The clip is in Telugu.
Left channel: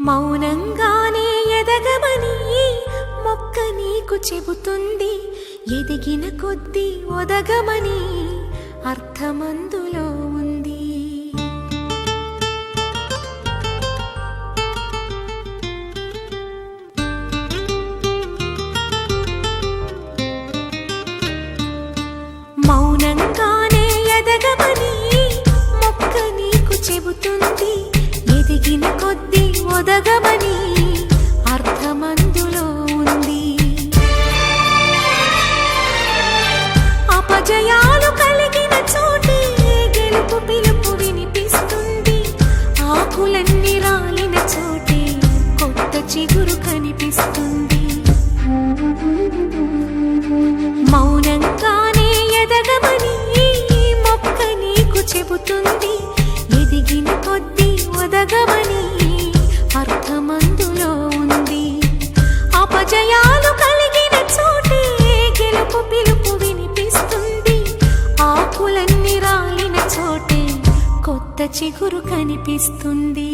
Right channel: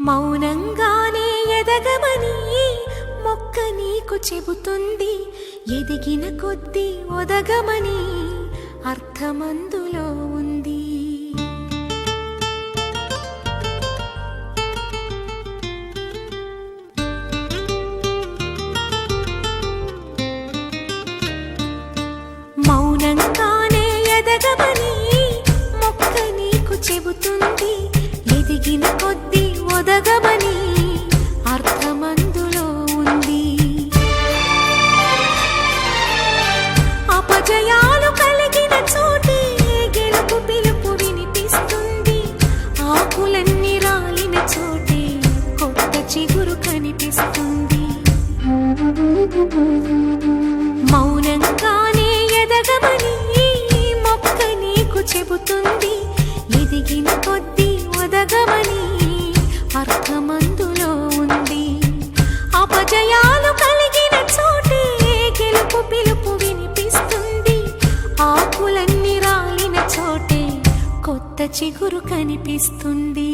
మౌనంగానే ఎదగమని మొక్క నీకు చెబుతుంది. ఎదిగిన కొద్దీ ఒదగమని అర్థమందులో ఉంది. మౌనంగానే ఎదగమని మొక్క నీకు చెబుతుంది. ఎదిగిన కొద్దీ ఒదగమని అర్థమందులో ఉంది. అపజయాలు కలిగిన చోటే గెలుపు పిలుపు వినిపిస్తుంది. ఆకులన్నీ రాలిన చోటే కొత్త చిగురు కనిపిస్తుంది. మౌనంగానే ఎదగమని మొక్క నీకు చెబుతుంది. ఎదిగిన కొద్దీ ఒదగమని అర్థమందులో ఉంది. అపజయాలు కలిగిన చోటే గెలుపు పిలుపు వినిపిస్తుంది. ఆకులన్నీ రాలిన చోటే కొత్త చిగురు కనిపిస్తుంది.